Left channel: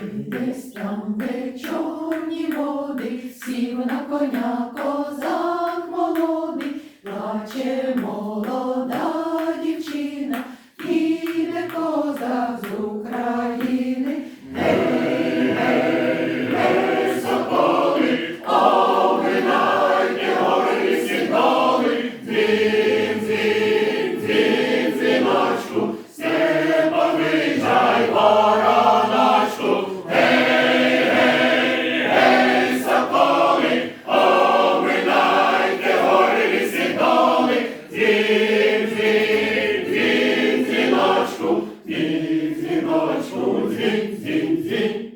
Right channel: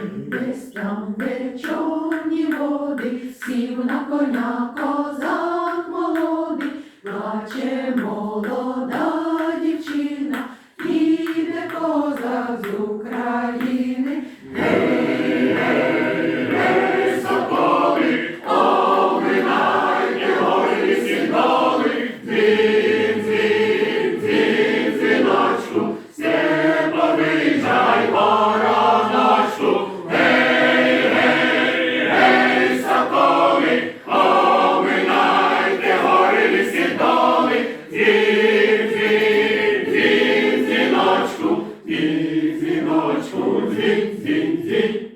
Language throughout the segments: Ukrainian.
Десь там, де човні води, сів на коня козак молодий, плаче молода дівчина, іде козак з України. alles goed ging, ging,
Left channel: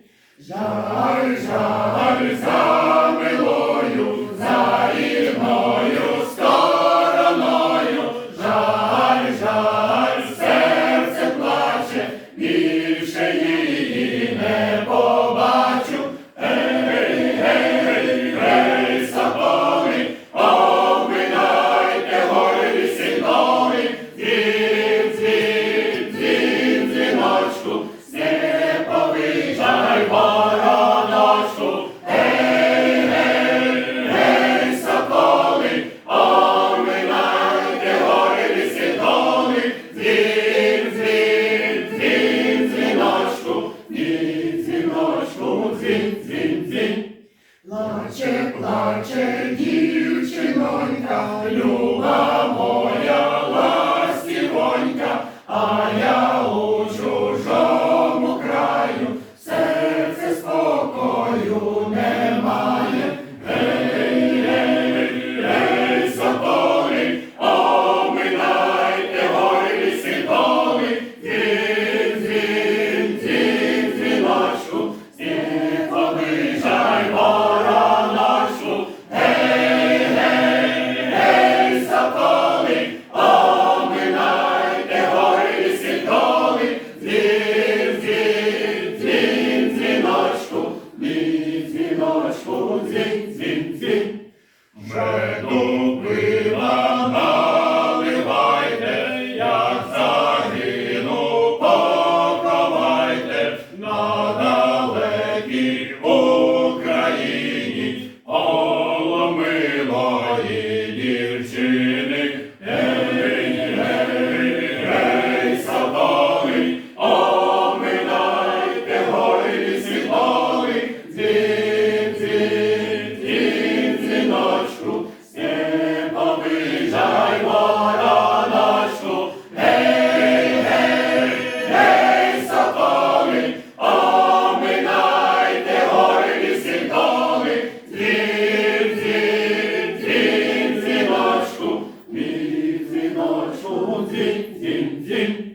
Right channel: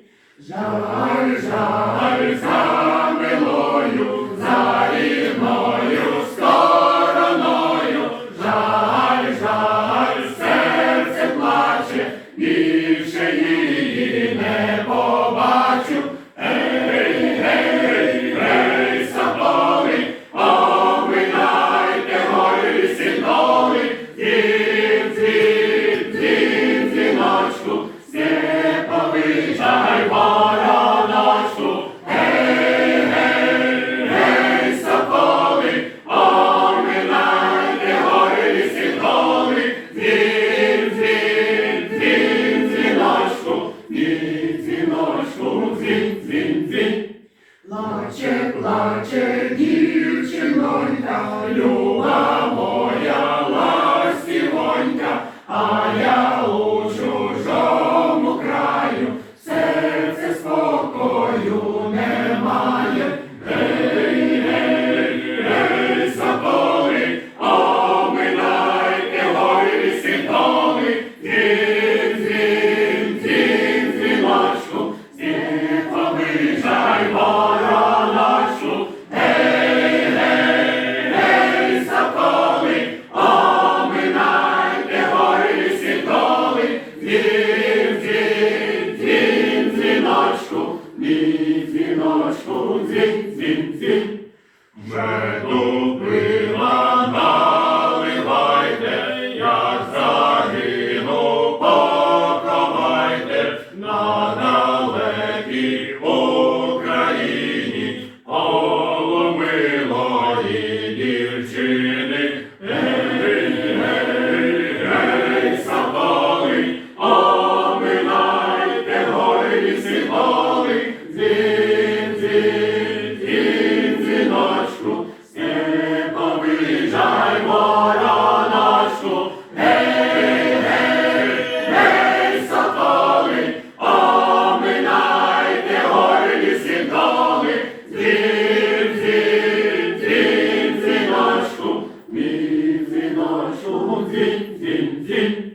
плаче, плаче дід. Меду пила на 红军，红军